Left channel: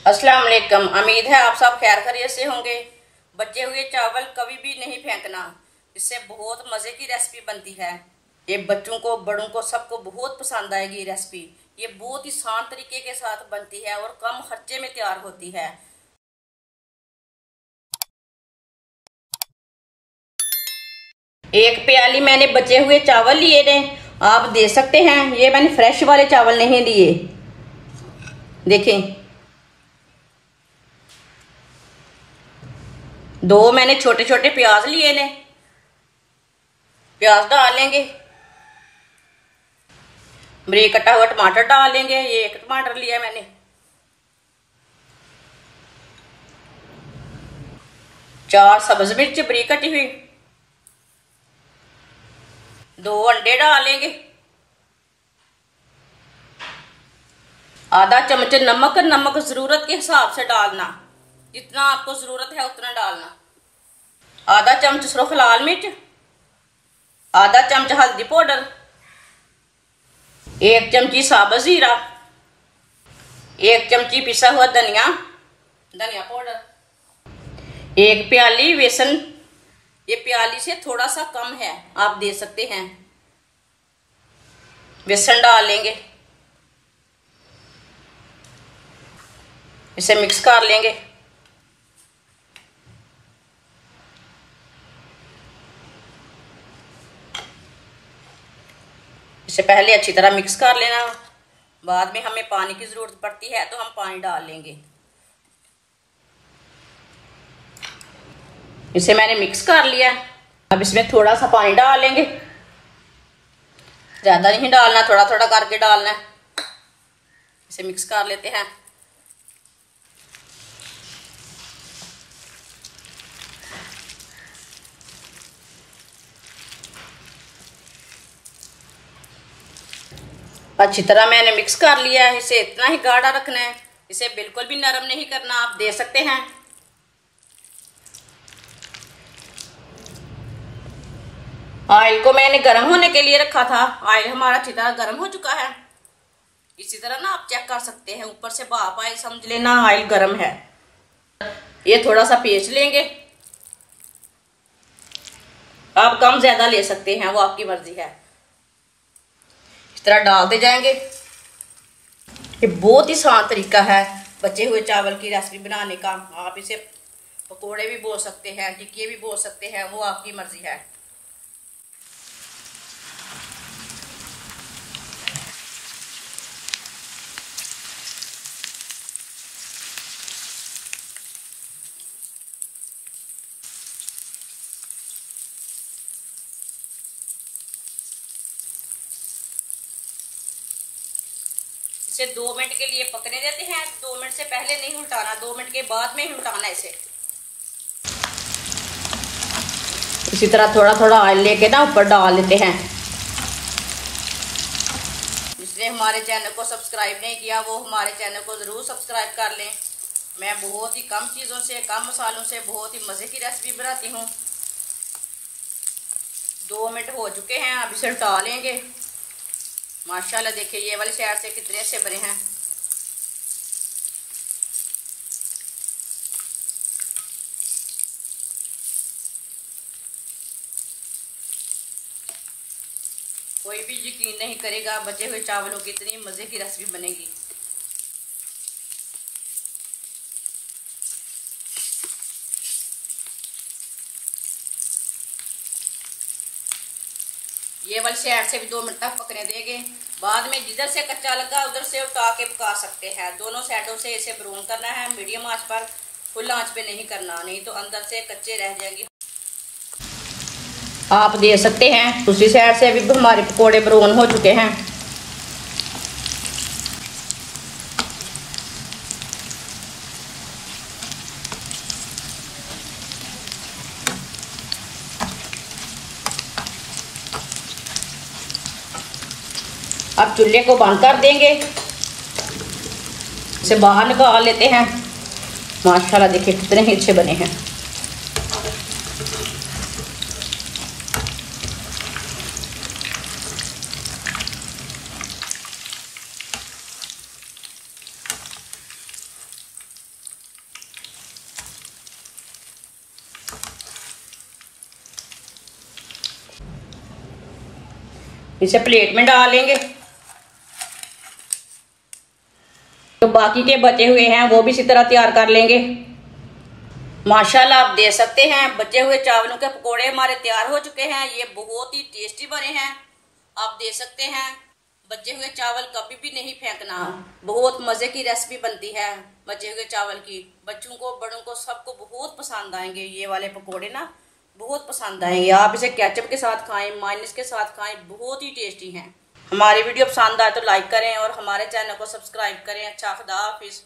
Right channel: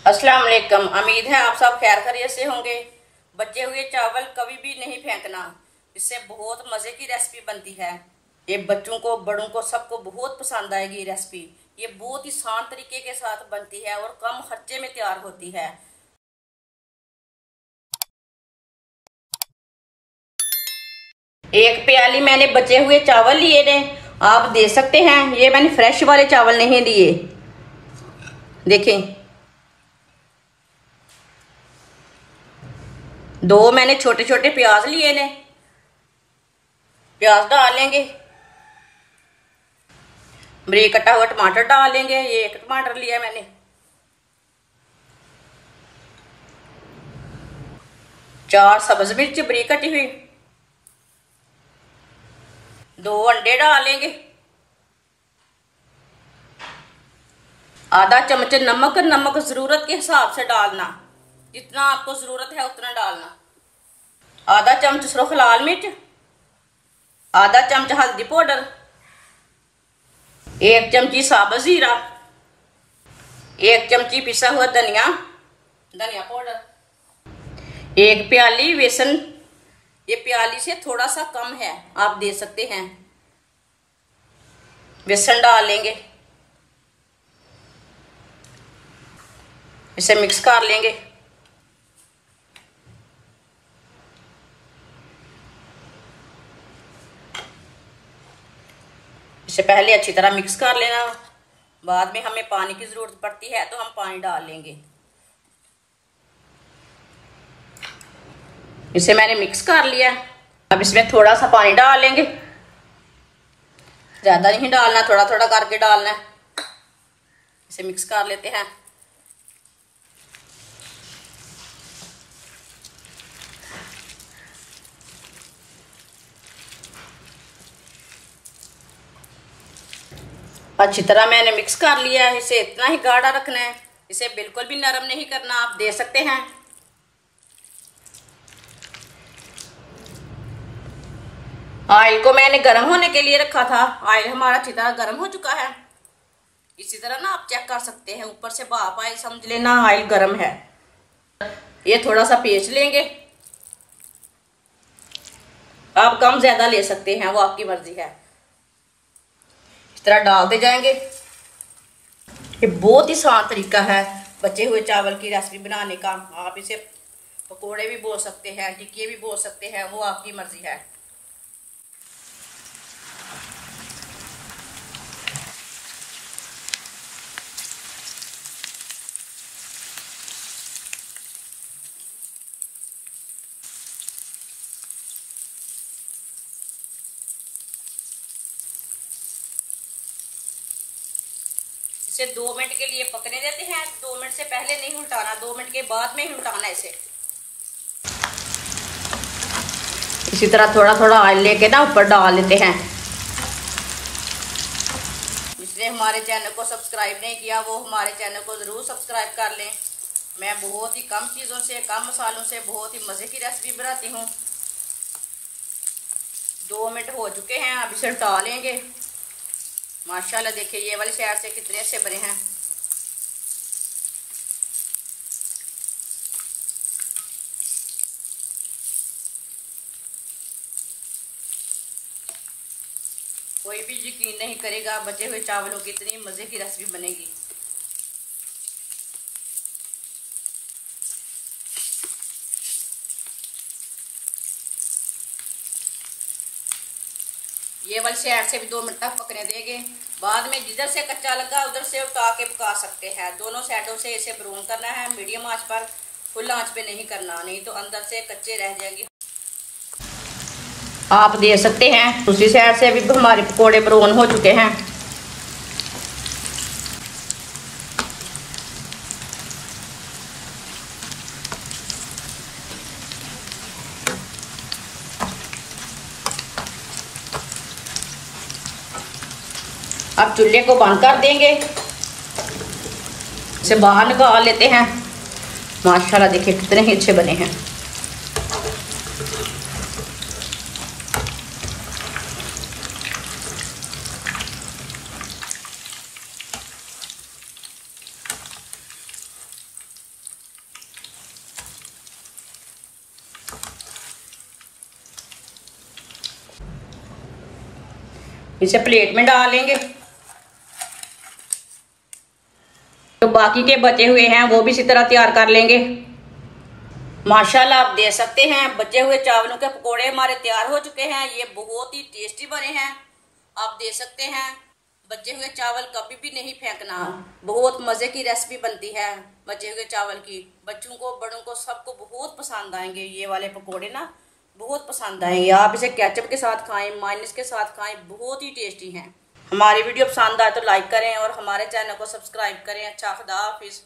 अस्सलाम वालेकुम। उम्मीद है आप सब खैर खैरियत से होंगे। बचे हुए चावल कभी भी नहीं फेंकना, इससे बहुत मज़े की रेसिपी बनती है। ये बच्चों को बड़ों को सबको बहुत पसंद आएगी रेसिपी। ये बहुत ही आसान तरीके के साथ बनती है और कम खर्चे में तैयार होती है। एक प्याली मैंने बचे हुए चावल लिए ने, आप देख सकते हैं। ये मैंने फ्रेश वाले चावल नहीं लिए, देखें। दो मैंने छोटे छोटे प्याज लिए ने, प्याज डालेंगे। बारीक कटा हुआ टमाटर डालेंगे, ये एक टमाटर लिया मैंने। चार सब्ज मिर्च बारीक कटी हुई। दो अंडे डालेंगे। आधा चम्मच नमक, नमक जरूरत के हिसाब से डालना, जितना आपको जरूरत है उतना डालना। आधा चम्मच सिर्फ लाल मिर्च, आधा चम्मच हल्दी पाउडर, एक चमची साबुत जीरा, एक चमची पिसा हुआ धनिया पाउडर, एक प्याली बेसन। ये प्याली से थोड़ा सा कम है, आप दे सकते हैं। बेसन डालेंगे, इसे मिक्स कर लेंगे। इसे पहले अच्छी तरह मिक्स कर लेना, बाद में हमें पानी की जरूरत पड़ती है तो हम पानी डाल लेंगे। इसे मैंने मिक्स कर लिया। अब इसमें थोड़ा सा पानी डालेंगे, ज्यादा नहीं डालना, थोड़ा थोड़ा करके डालना है। इसे मिक्स कर लेते हैं। अच्छी तरह मैंने मिक्स कर लिया है। इसे इतना ही गाढ़ा रखना है, इसे बिल्कुल भी नरम नहीं करना, आप दे सकते हैं। ऑयल को मैंने गर्म होने के लिए रखा था। ऑयल हमारा अच्छी तरह गर्म हो चुका है। इसी तरह ना आप चेक कर सकते हैं, ऊपर से भाप आए समझ लेना ऑयल गर्म है। ये थोड़ा सा पेंच लेंगे, आप कम ज्यादा ले सकते हैं, वो आपकी मर्जी है। इस तरह डालते जाएंगे। ये बहुत ही आसान तरीका है बचे हुए चावल की रेसिपी बनाने का। आप इसे पकोड़े भी बोल सकते हैं, टिक्की भी बोल सकते हैं, वो आपकी मर्जी है। इसे 2 मिनट के लिए पकने देते हैं। 2 मिनट से पहले नहीं उल्टाना, 2 मिनट के बाद में ही उल्टाना इसे। इसी तरह थोड़ा थोड़ा ऑयल लेके ना ऊपर डाल लेते हैं। जिसने हमारे चैनल को सब्सक्राइब नहीं किया वो हमारे चैनल को जरूर सब्सक्राइब कर लें। मैं बहुत ही कम चीज़ों से, कम मसालों से बहुत ही मज़े की रेसिपी बनाती हूँ। 2 मिनट हो चुके हैं, अब इसे उल्टा लेंगे। माशाल्लाह देखिए ये वाली साइड से कितने अच्छे बने हैं। कोई भी यकीन नहीं करेगा बचे हुए चावलों की इतनी मजे की रेसिपी बनेगी। ये वाली साइड से भी 2 मिनट तक पकने देंगे। बाद में जिधर से कच्चा लगा उधर से उठा के पका सकते हैं। दोनों साइडों से इसे ब्राउन करना है, मीडियम आंच पर, फुल आंच पे नहीं करना, नहीं तो अंदर से कच्चे रह जाएंगे। आप देख सकते हैं दूसरी साइड से भी हमारे पकौड़े ब्राउन हो चुके हैं। अब चूल्हे को बंद कर देंगे, इसे बाहर निकाल लेते हैं। माशाल्लाह देखिए कितने ही अच्छे बने हैं। इसे प्लेट में डाल लेंगे। तो बाकी के बचे हुए हैं वो भी इसी तरह तैयार कर लेंगे। माशाल्लाह आप देख सकते हैं बचे हुए चावलों के पकोड़े हमारे तैयार हो चुके हैं। ये बहुत ही टेस्टी बने हैं। आप देख सकते हैं बचे हुए चावल कभी भी नहीं फेंकना। बहुत मजे की रेसिपी बनती है बचे हुए चावल की। बच्चों को बड़ों को सबको बहुत पसंद आएंगे। ये वाले पकोड़े ना बहुत पसंद आएंगे। आप इसे केचप के साथ खाएं, मायोनीज के साथ खाएं, बहुत ही टेस्टी हैं। हमारी वीडियो पसंद आए तो लाइक करें और हमारे चैनल को सब्सक्राइब करें। अच्छा, खुदा हाफिज।